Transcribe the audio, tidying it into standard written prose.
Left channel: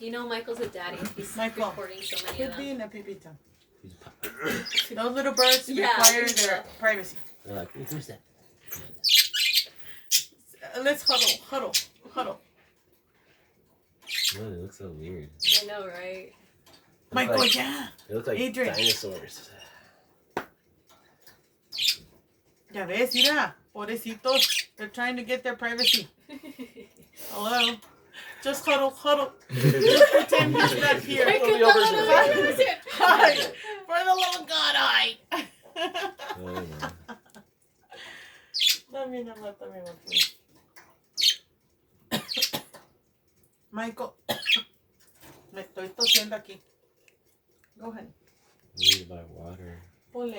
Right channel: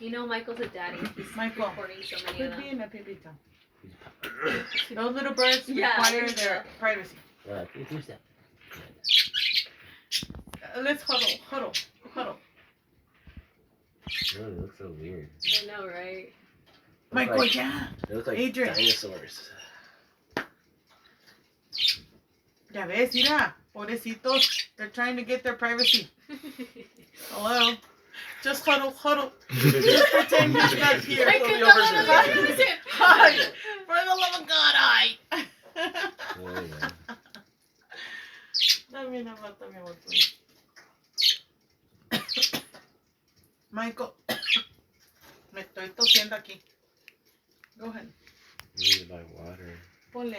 You know Michael's a daddy. He's Michael, recording so many of quit them. being a pipita. Those little birds require their privacy. Who's that? Let's huddle. Oh, they look so weird. I know, right? Michael, like, yeah. They look like Adrian. dinosaurs. Ya ves, mira. Pobrecitos. They're trying to get their privacy. Hello. Just huddle. Just pretend he's not here. I could not lose it. Hi. For the love of God, hi. Dame nomás, dame un please. Michael. Me estoy tosiendo aquí. Go ahead. I need to buy water. Ponle